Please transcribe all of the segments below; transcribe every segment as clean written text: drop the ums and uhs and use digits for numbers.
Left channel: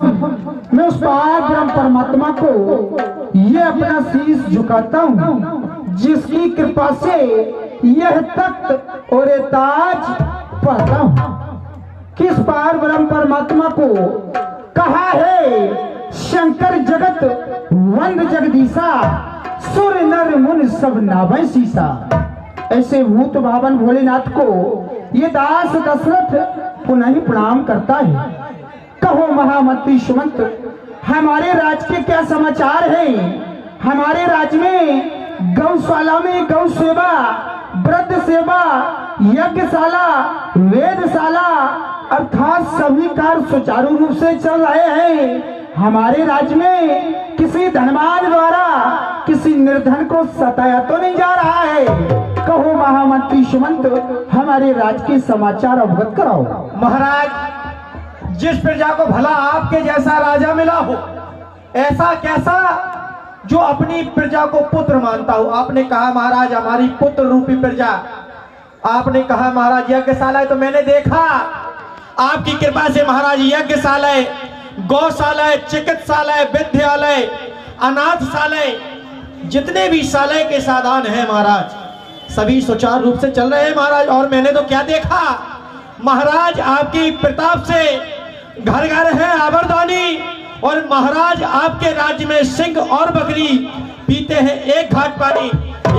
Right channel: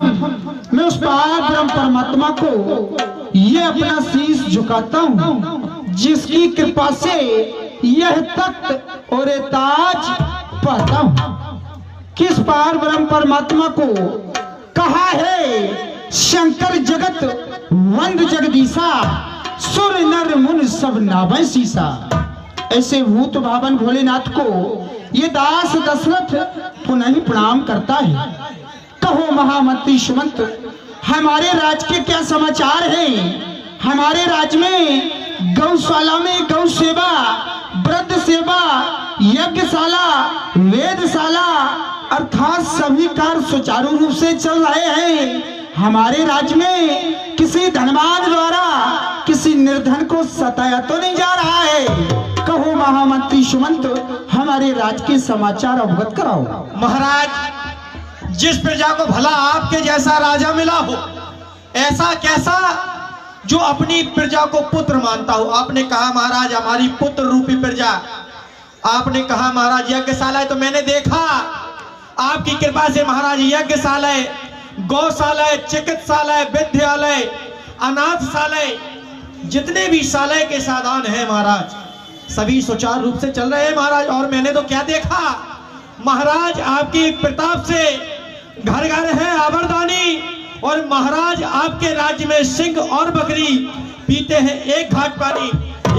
मैं उस पार ब्रह्म परमात्मा को ये अपना शीश झुकाता हूँ जिसकी कृपा से यह तख्त और ये ताज पाता हूँ। किस पार ब्रह्म परमात्मा को कहा है शंकर जगत वंद जगदीशा, सुर नर मुन सब नाभै सीसा। ऐसे भूत भावन भोलेनाथ को ये दास दशरथ पुनः प्रणाम करता है। कहो महामंत्री सुमंत, हमारे राज्य के क्या समाचार हैं? हमारे राज्य में गौशाला में गौ सेवा, वृद्ध सेवा, यज्ञशाला, वेदशाला अर्थात सभी कार्य सुचारू रूप से चल रहे हैं। हमारे राज्य में किसी धनवान द्वारा किसी निर्धन को सताया तो नहीं जा रहा है। कहो महामंत्री सुमंत, हमारे राज्य के समाचार अवगत कराओ। महाराज, जिस प्रजा को भला आपके जैसा राजा मिला हो, ऐसा कैसा जो अपनी प्रजा को पुत्र मानता हो। आपने कहा महाराज हमारी पुत्र रूपी प्रजा, आपने कहा महाराज यज्ञशाला, तो मैंने देखा आपकी कृपा से महाराज यज्ञशाला, गौशाला, चिकित्सालय, विद्यालय, अनाथशाला, जितने भी शाला के साधन हैं महाराज सभी सुचारू रूप से चल रहे हैं महाराज। और मैंने तो क्या देखा महाराज, आपकी प्रताप से घर घर है आबरदानी, और महाराज आपके राज्य में सिंह और बकरी पीते हैं एक घाट पानी,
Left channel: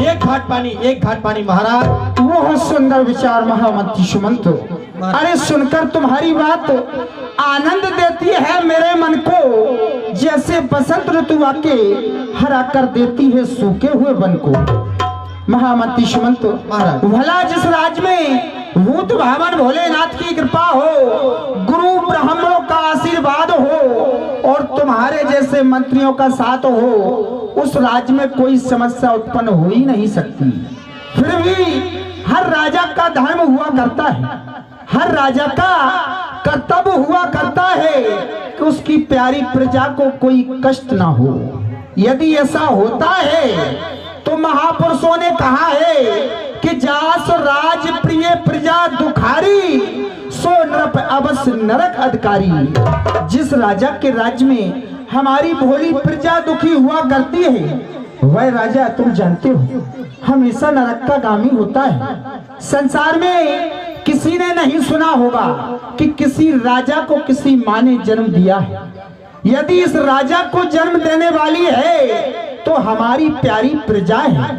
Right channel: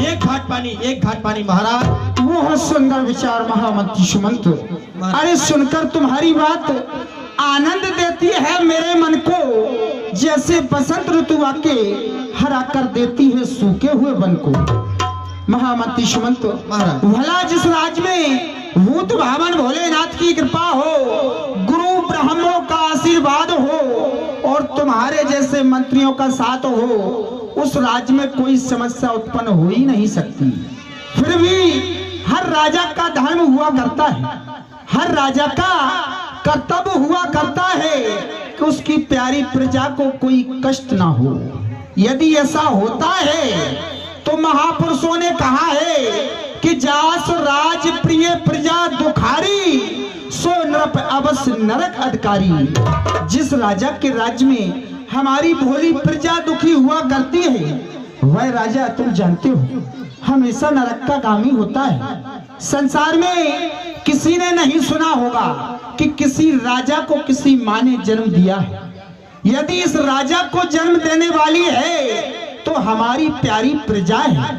एक घाट पानी, एक घाट पानी। महाराज बहुत सुंदर विचार महामंत्री सुमंत। अरे सुनकर तुम्हारी बात आनंद देती है मेरे मन को, जैसे बसंत ऋतु आके हरा कर देती है सूखे हुए वन को। महामंत्री सुमंत, भला जिस राज्य में भूत भावन भोलेनाथ की कृपा हो, गुरु ब्राह्मणों का आशीर्वाद हो और तुम्हारे जैसे मंत्रियों का साथ हो, उस राज्य में कोई समस्या उत्पन्न हो ही नहीं सकती। फिर भी हर राजा का धर्म हुआ करता है, हर राजा का कर्तव्य हुआ करता है कि उसकी प्यारी प्रजा को कोई कष्ट ना हो। यदि ऐसा होता है तो महापुरुषों ने कहा है कि जास राज प्रिय प्रजा दुखारी, सो नृप अवश्य नरक अधिकारी। जिस राजा के राज्य में हमारी भोली प्रजा दुखी हुआ करती है, वह राजा तुम जानते हो हमेशा नरक का गामी होता है। संसार में किसी ने नहीं सुना होगा कि किसी राजा को किसी माँ ने जन्म दिया है। यदि इस राजा को जन्म देने वाली है तो हमारी प्यारी प्रजा है।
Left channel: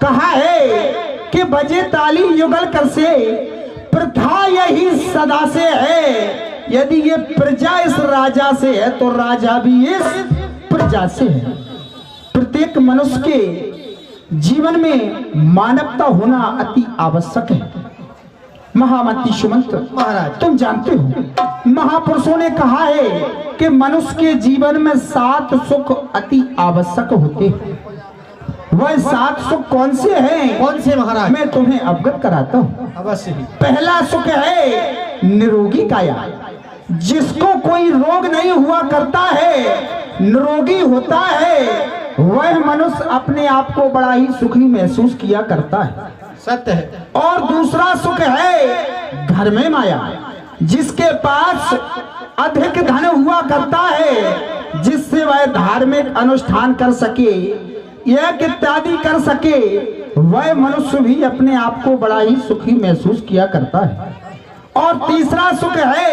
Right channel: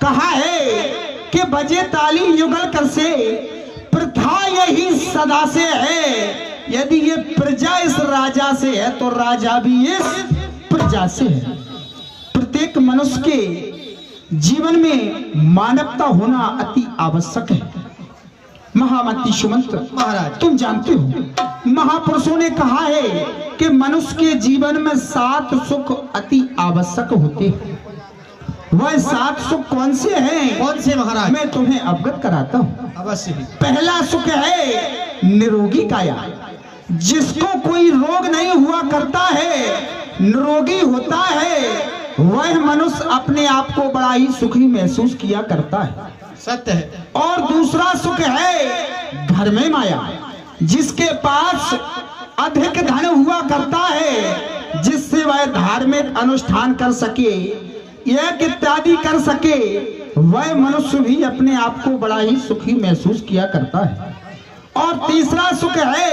कहा है कि बजे ताली युगल कर से, प्रथा यही सदा से है। यदि ये प्रजा इस राजा से है तो राजा भी इस प्रजा से है। प्रत्येक मनुष्य के जीवन में मानवता होना अति आवश्यक है। महामंत्री सुमंत महाराज, तुम जानते हो महापुरुषों ने कहा है कि मनुष्य के जीवन में 7 सुख अति आवश्यक होते हैं। वह 7 सुख कौन से हैं? कौन से महाराज? मैं तुम्हें अवगत कराता हूँ। अवश्य ही। पहला सुख है निरोगी काया। जिसको कोई रोग नहीं हुआ करता है, निरोगी होता है, वह मनुष्य अपने आप को बड़ा ही सुखी महसूस किया करता है। सत्य है। और दूसरा सुख है घर में माया। जिसके पास अधिक धन हुआ करता है, जिससे वह धार्मिक अनुष्ठान कर सके, यज्ञ इत्यादि कर सके, वह मनुष्य भी अपने आप को बड़ा ही सुखी महसूस किया करता है। और तीसरा सुख है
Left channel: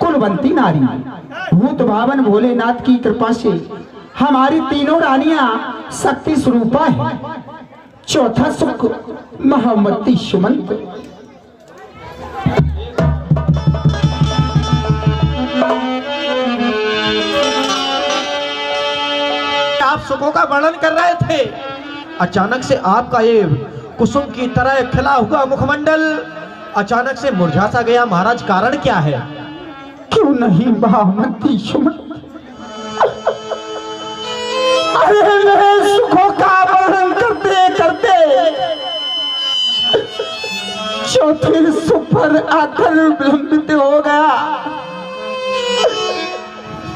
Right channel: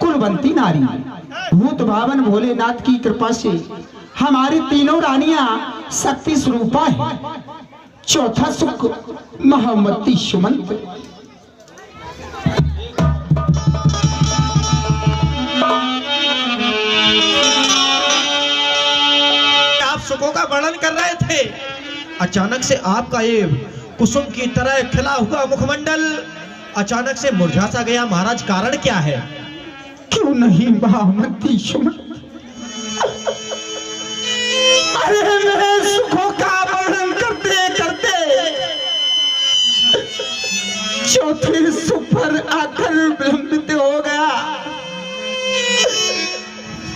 कुलवंती नारी। भूत भावन भोलेनाथ की कृपा से हमारी तीनों रानियां शक्ति स्वरूपा है। चौथा सुख महामंत्री सुमंत, आप सुखों का वर्णन कर रहे थे, अचानक से आपका ये कुसुम की तरह खिला हुआ मुखमंडल अचानक से मुरझा सा गया। महाराज कारण क्या है? क्यों नहीं महामंत्री सुमंत, अरे मेरे सुखों का वर्णन करते करते चौथे सुख पर आकर विलंबित हो गया।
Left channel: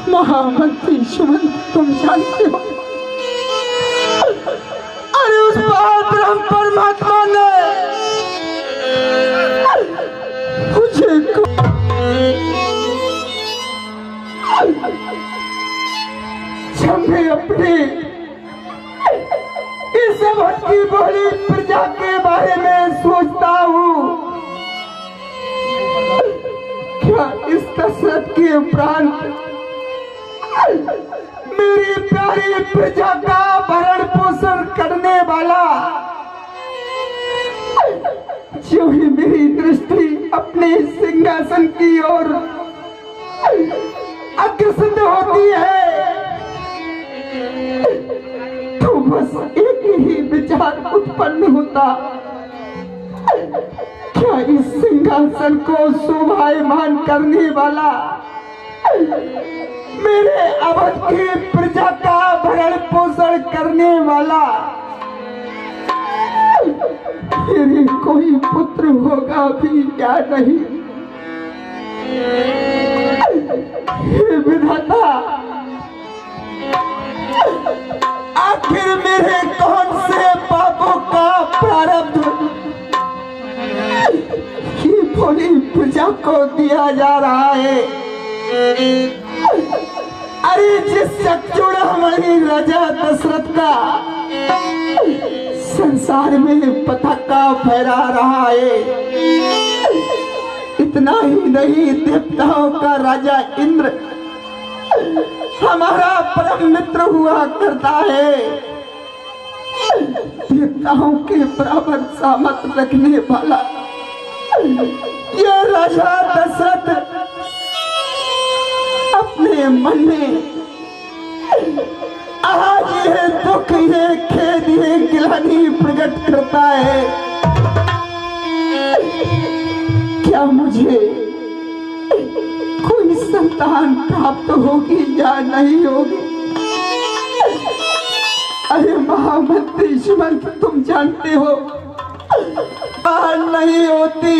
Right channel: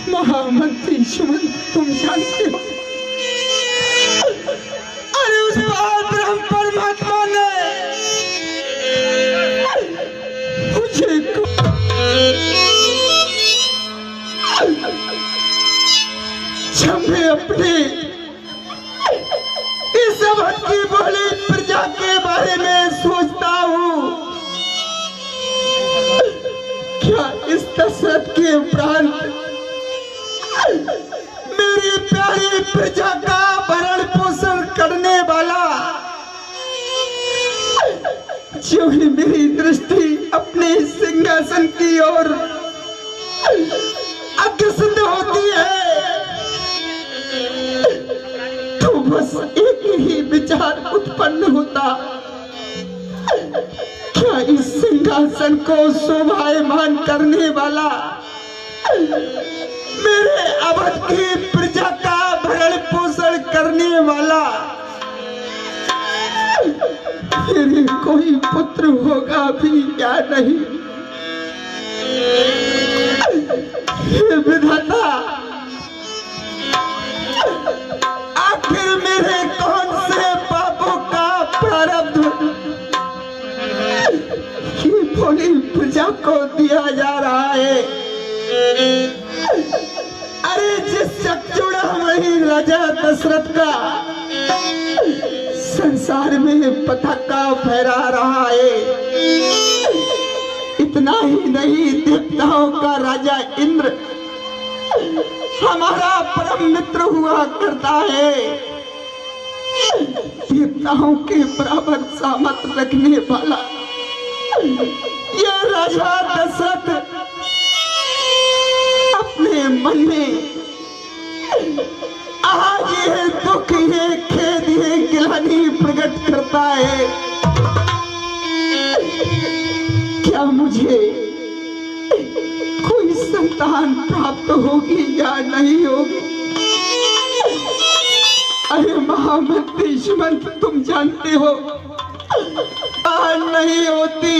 महामंत्री सुमंत, तुम जानते हो अरे उस ब्रह्म परमात्मा ने मुझे जब मैं अपने इस अवध की भोली प्रजा के बारे में सोचता हूँ, क्या इस दशरथ के उपरांत मेरी प्यारी प्रजा का भरण पोषण करने वाला, जो ही मेरी दृष्टि अपने सिंहासन की ओर अग्रसर होती है, तो बस एक ही विचार उत्पन्न होता, क्या इस सिंहासन को शोभायमान करने वाला, मेरे अवध की प्रजा का भरण पोषण करने वाला मेरे कोई पुत्र होगा भी या नहीं। हे विधाता, आखिर मेरे कौन से पापों का प्रारब्ध ये भोली प्रजा को दिया जा रहा है। अरे जिस चक्षुड़ामणि राजा दशरथ का संसार में पताका फहरा रहा है, इतना ही नहीं, देवताओं का राजा इंद्र हमारा परम मित्र हुआ करता है, देवताओं के बराबर सामर्थ रखने वाला यह राजा दशरथ अपने मन में आज ये दुख, ये खेद, ये गिलानी प्रकट करता है, क्या मुझे कोई संतान प्राप्त होगी या नहीं होगी। अरे महामंत्री सुमंत, तुम जानते हो नहीं होती,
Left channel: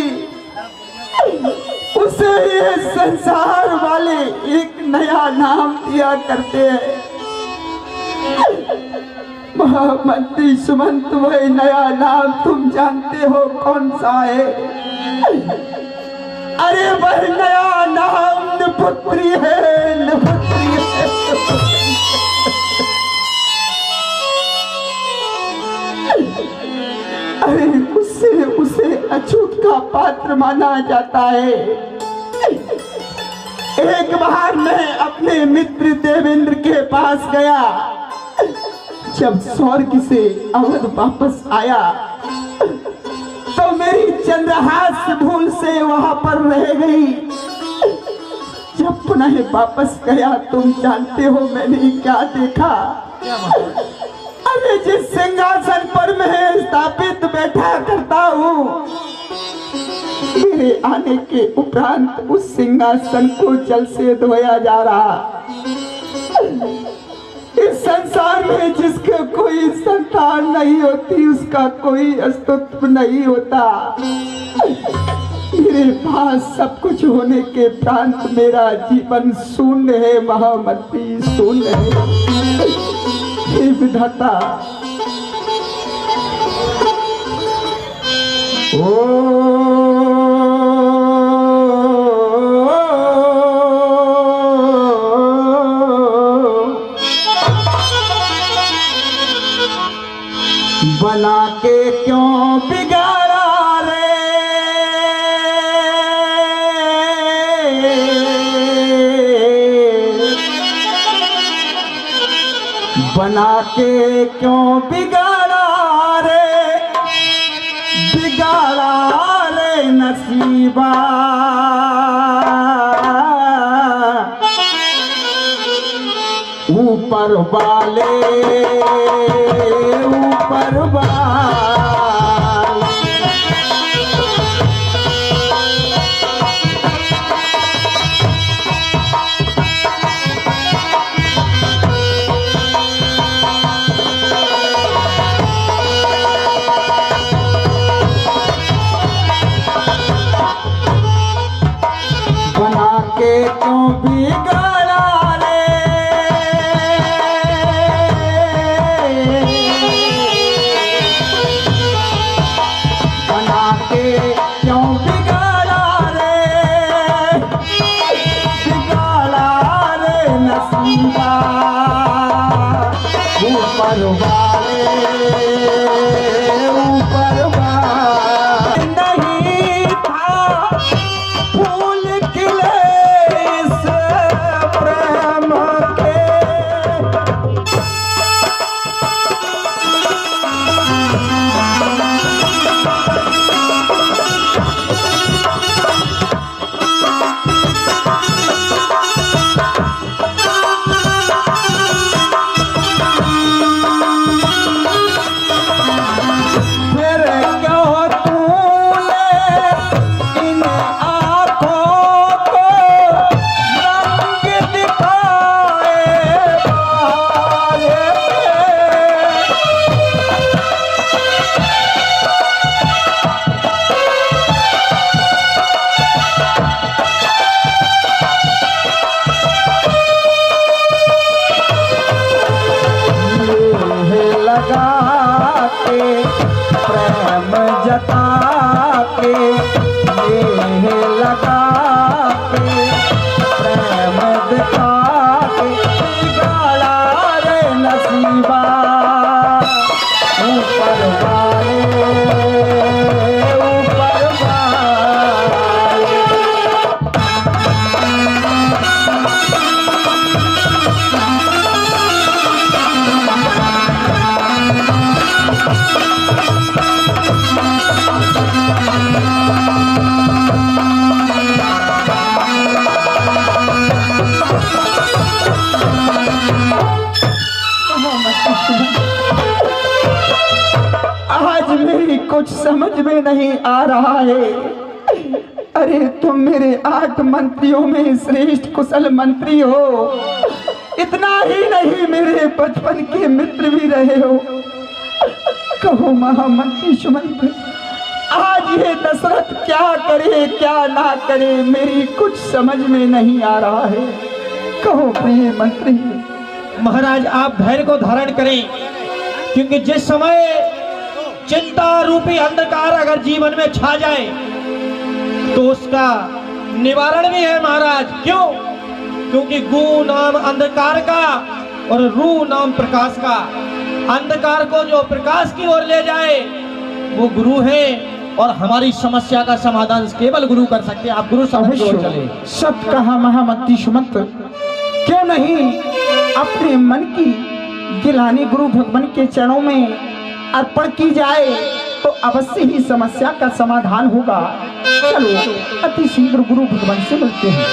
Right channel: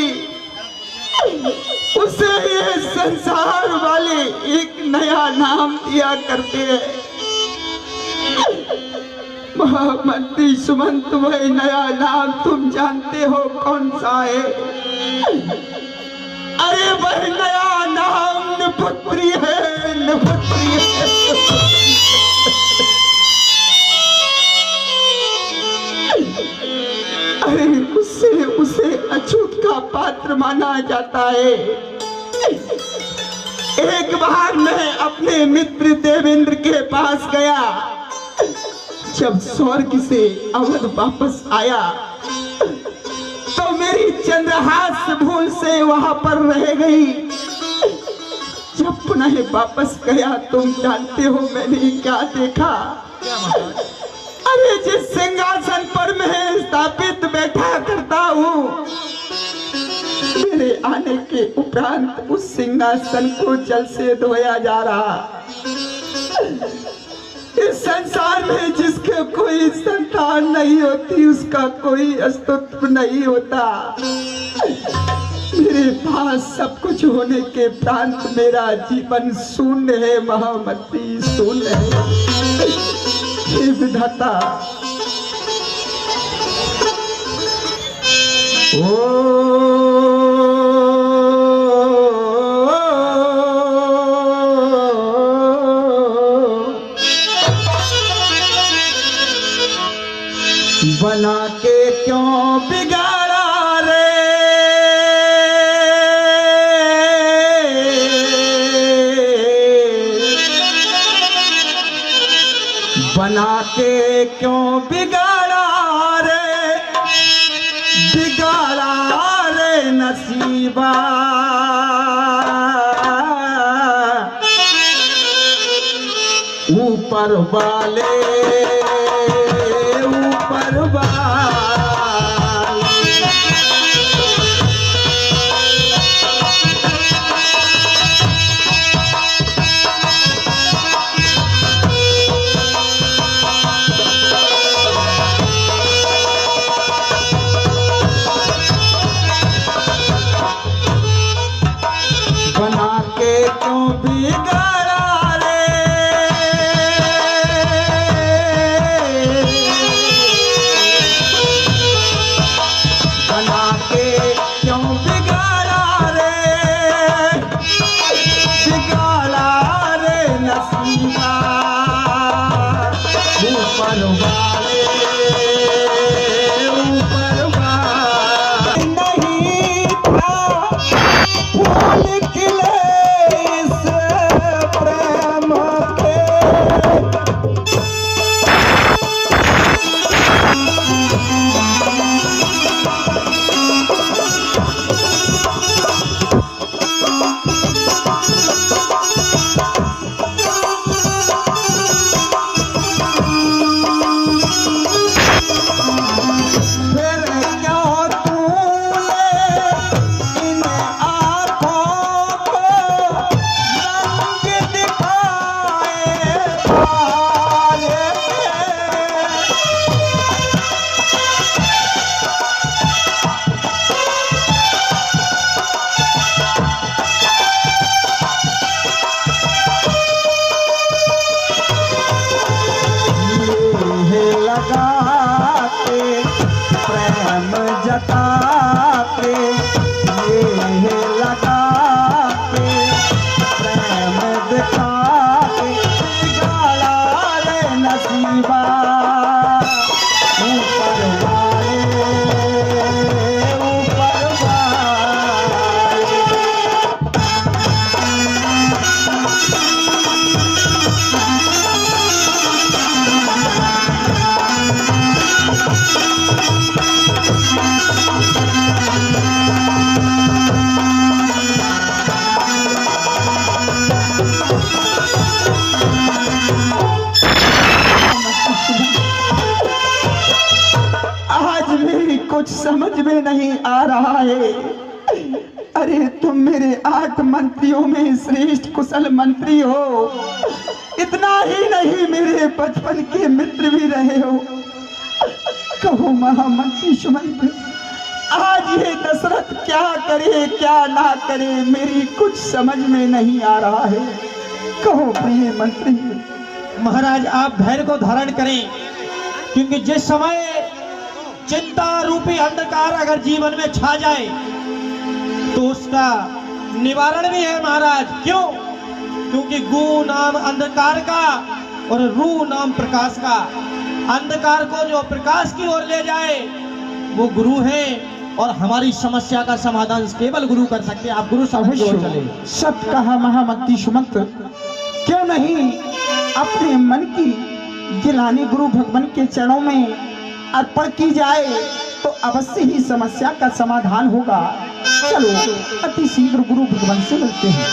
उसे ये संसार वाले एक नया नाम दिया करते हैं। महामंत्री सुमंत, वह नया नाम तुम जानते हो कौन सा है? अरे वह नया नाम निपुत्री है, निपुत्री है। अरे उसे अछूत का पात्र माना जाता है। एक बार मैं अपने मित्र देवेंद्र के पास गया, जब स्वर्ग से अवध वापस आया तो मेरी चंद्रहास भूल से वहां पर रह गई। जब पुनः वापस गया, तुम जानते हो मैंने क्या देखा? अरे जिस सिंहासन पर मैं स्थापित बैठा करता हूँ, मेरे आने के उपरांत उस सिंहासन को जल से धोया जा रहा। इस संसार में जिसके कोई संतान नहीं होती, उसका कोई अस्तित्व नहीं होता। मेरे पास सब कुछ होने के उपरांत मेरा जीवन शून्य है, महामंत्री, शून्य है। हे विधाता, बना के क्यों बिगाड़ा रे, बना के क्यों बिगाड़ा रे, बिगाड़ा रे नसीबा। ऊपर वाले ऊपर वाले ऊपर वाले नहीं था फूल खिले इस प्रेम के। लगाते प्रेम जताते ये लगाते प्रेम दिखाते गाला रे नसीबा ऊपर वाले ऊपर वाले। आज मेरी कुछ समझ में नहीं आ रहा है। अरे तुम मेरे 8 मंत्रियों में श्रेष्ठ कुशल मंत्री हो, इतना ही नहीं मेरे बचपन के मित्र भी रहे हो। कहो महामंत्री सुमंत, आज ये दशरथ क्या करे क्या ना करे मेरी कुछ समझ में नहीं आ रहा है। कहो प्रिय मंत्री। महाराज आप धैर्य को धारण करें, क्योंकि जिस समय चिंता रूपी अंधकार अगर जीवन में छा जाए तो उसका निवारण भी है महाराज। क्यों? क्योंकि गु नाम अंधकार का और रू नाम प्रकाश का। अंधकार को जो प्रकाश की ओर ले जाए वो गुरु है, और हमारी समस्या का समाधान केवल गुरु कर सकते हैं। आप गुरु समझ चले। सत कहा महामंत्री सुमंत, क्यों नहीं अपने मन की गिलानी गुरु भगवान के चरणों में अर्पण की जाए तो अवश्य ही समस्या का समाधान होगा। चलो अति शीघ्र गुरु भगवान से मिलते हैं।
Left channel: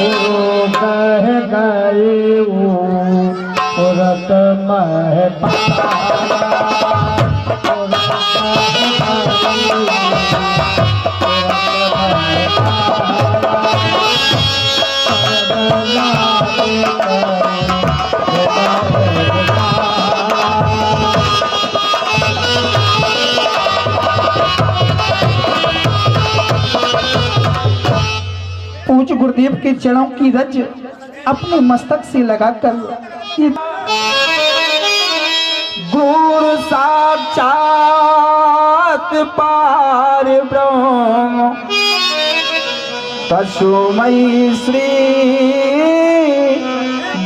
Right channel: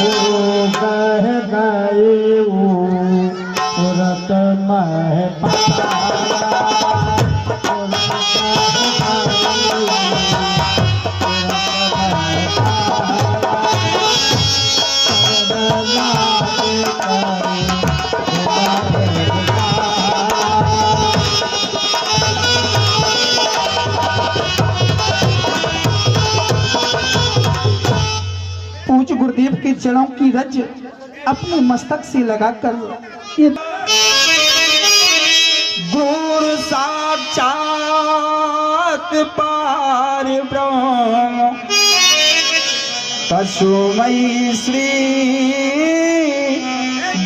गुरु कह गए रत पूज्य गुरुदेव के चरणों की रज अपने मस्तक से लगाकर गुरु साक्षात पार ब्रह्म तस्मै श्री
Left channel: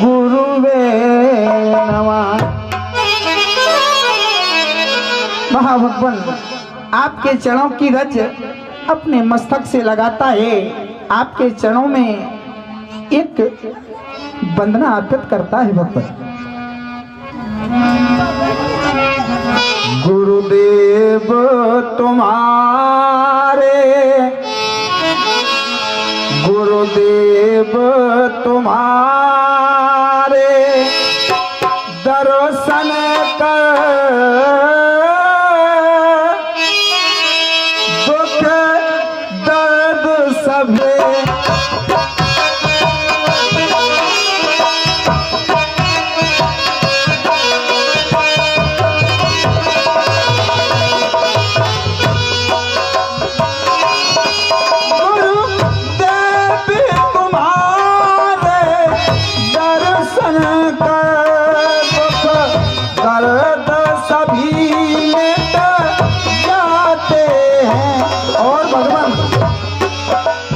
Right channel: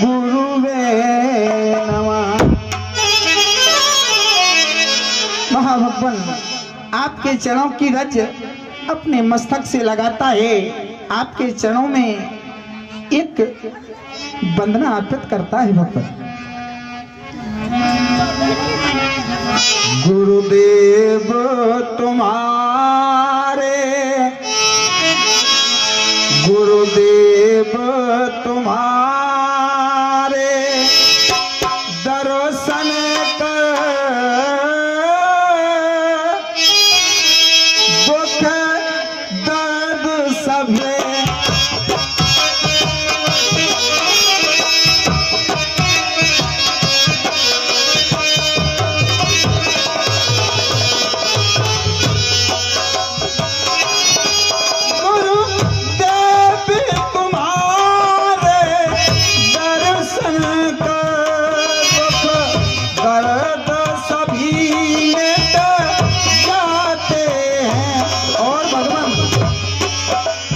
गुरुवे नमः। महाभगवान आपके चरणों की रज अपने मस्तक से लगाता है, आपके चरणों में एक वंदना अर्पित करता है भगवान। गुरुदेव तुम्हारे गुरुदेव तुम्हारे दर्शन कर दुख दर्द सभे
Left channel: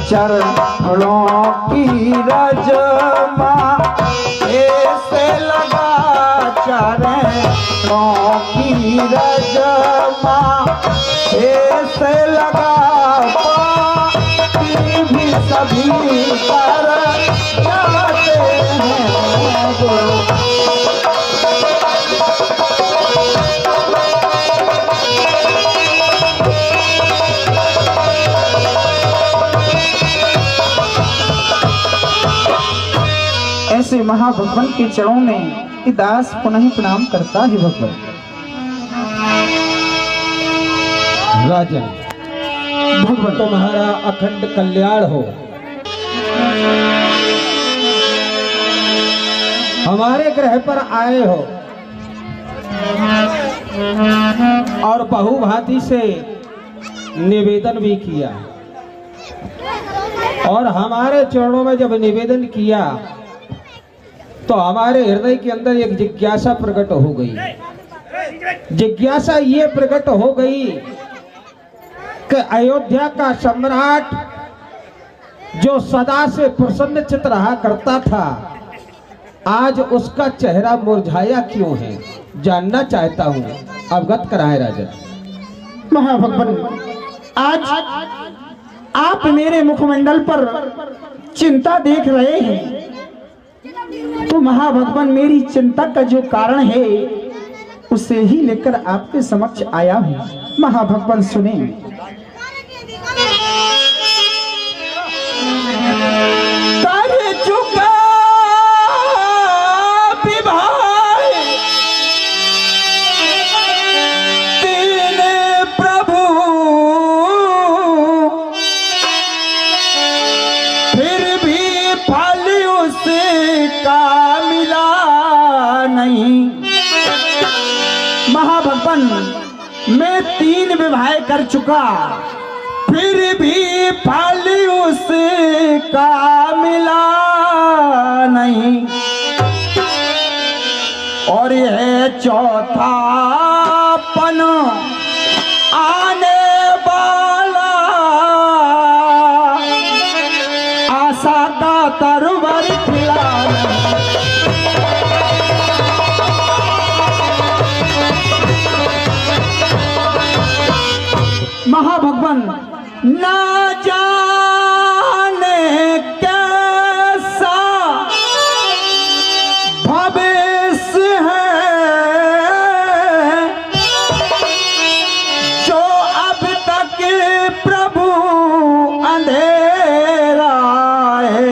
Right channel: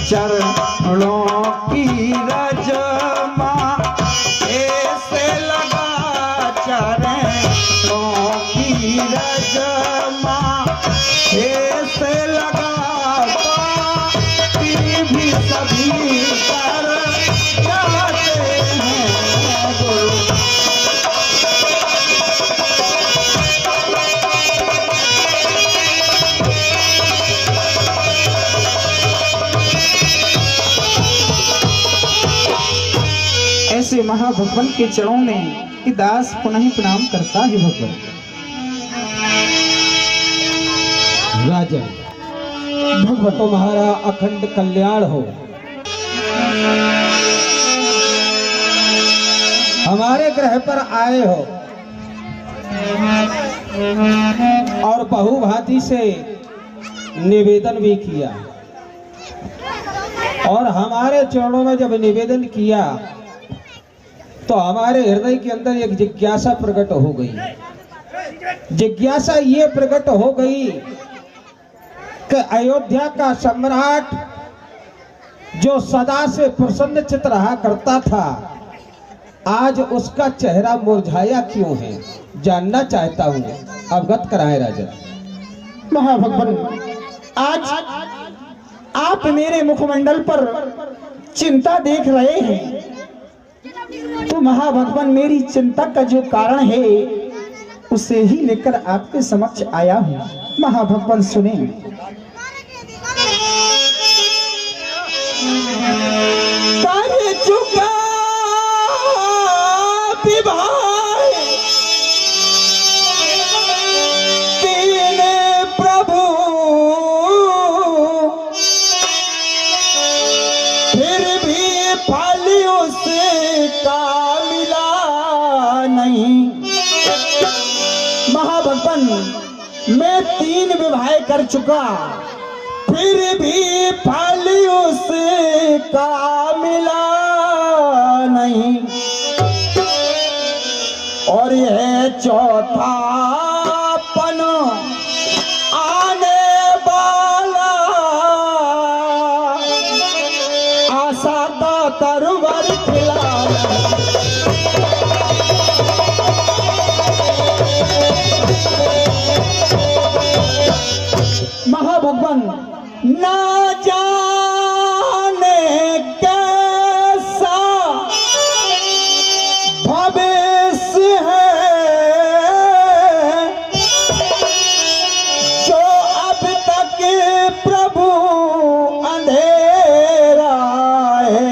चरणों की रज ऐसे महाभगवान के चरणों में ये दास पुनः प्रणाम करता है भगवान। राजन, भगवान तुम्हारा अखंड कल्याण हो। हमारे ग्रह पर आए हो और बहुभांति से निवेदन भी किया, और हमारे चरणों में जब निवेदन किया तो हमारे हृदय के अंदर एक जिज्ञासा प्रकट हो गई। जिज्ञासा ये प्रकट हो गई कि अयोध्या का सम्राट जो सदा से प्रसन्न चित्त रहा करता था, आज उसका चेहरा मुरझाया क्यों है, जानना चाहता हूँ, अवगत कराए राजा। महाभगवान, आज आप मेरे मुखमंडल पर चिंता देख रहे हैं, तो महाभगवान मेरी चिंता का जो कारण है उसे ही लेकर आपके समक्ष आया हूँ। महाभगवान सुने। कर चुका मैं 3 विवाह कर चुका, फिर भी फल उसका मिला नहीं, और यह चौथा पन आने वाला, आशा का तरवर खिला महाभगवान। ना जाने कैसा भविष्य है जो अब तक प्रभु अंधेरा है,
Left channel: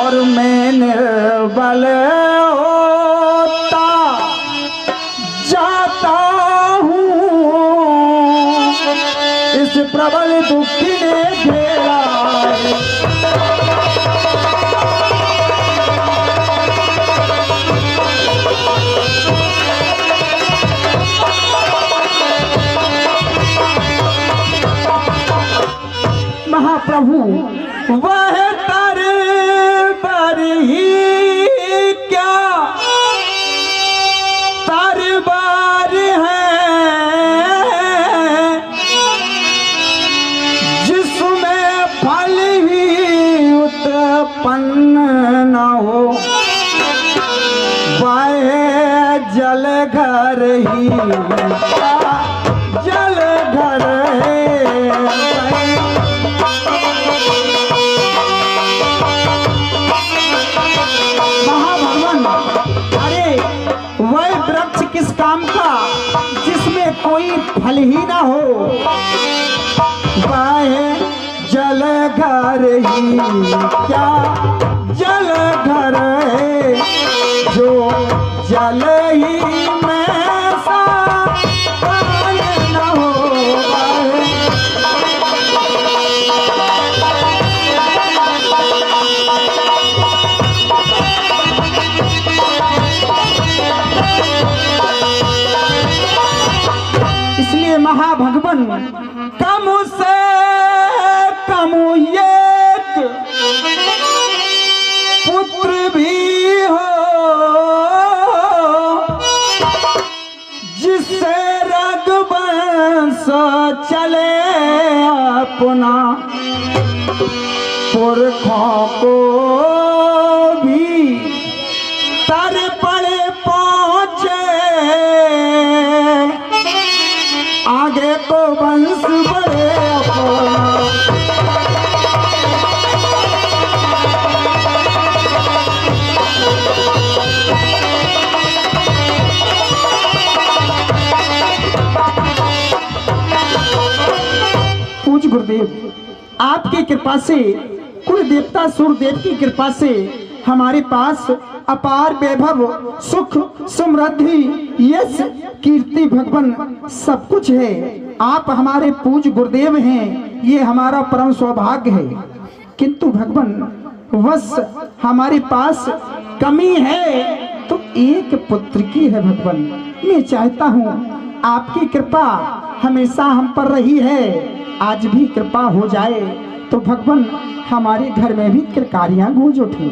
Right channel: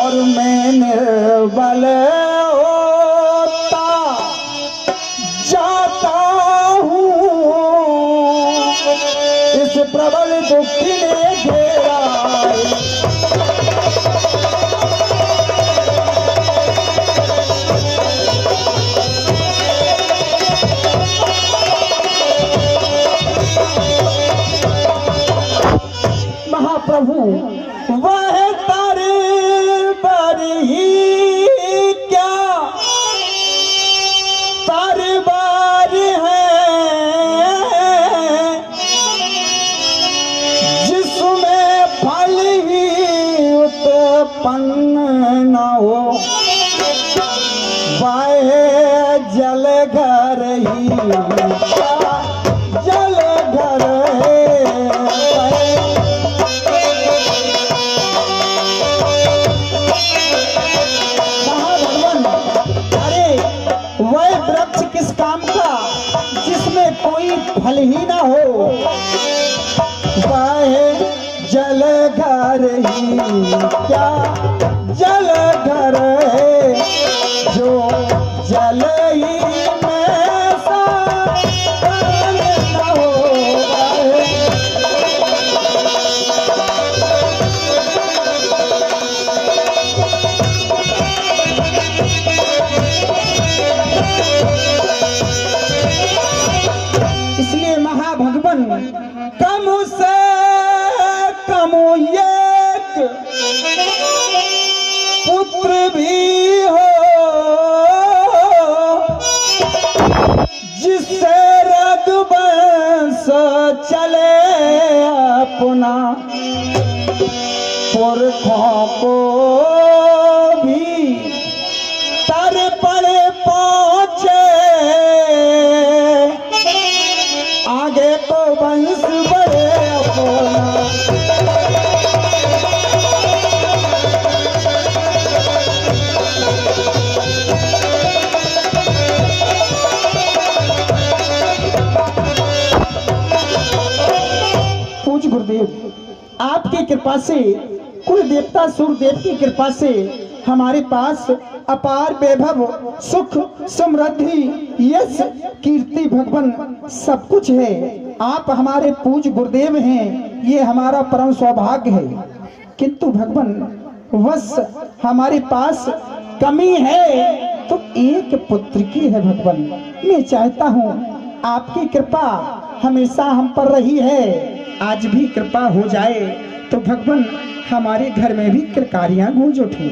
और मैं निर्बल होता जाता इस प्रबल दुखी ने घेरा। महाप्रभु वह तरबर ही क्या तरबार है, न हो वाहे जल घर ही जल घर महाभगवान। अरे वह वृक्ष किस काम का जिसमें कोई फल ही ना हो, वाहे जल घर ही क्या जल घर है, जो जल ही में सा न हो। इसलिए महाभगवान कम से कम एक पुत्र भी हो जिससे रघुवंश चले अपना, पुरखों को भी तर पड़े पहुंचे, आगे को वंश बढ़े अपना। पूज्य गुरुदेव, आपकी कृपा से कुल देवता सूर्यदेव की कृपा से हमारे पास अपार वैभव, सुख, समृद्धि, यश, कीर्ति भगवान सब कुछ है। आप हमारे पूज्य गुरुदेव हैं, ये हमारा परम सौभाग्य है। किंतु भगवान बस हमारे पास कमी है तो एक पुत्र की है। भगवान मैं चाहता हूँ आपकी कृपा हमेशा हम पर रही है, आज भी कृपा हो जाए तो भगवान हमारे घर में भी किरकारियां गूंज उठे।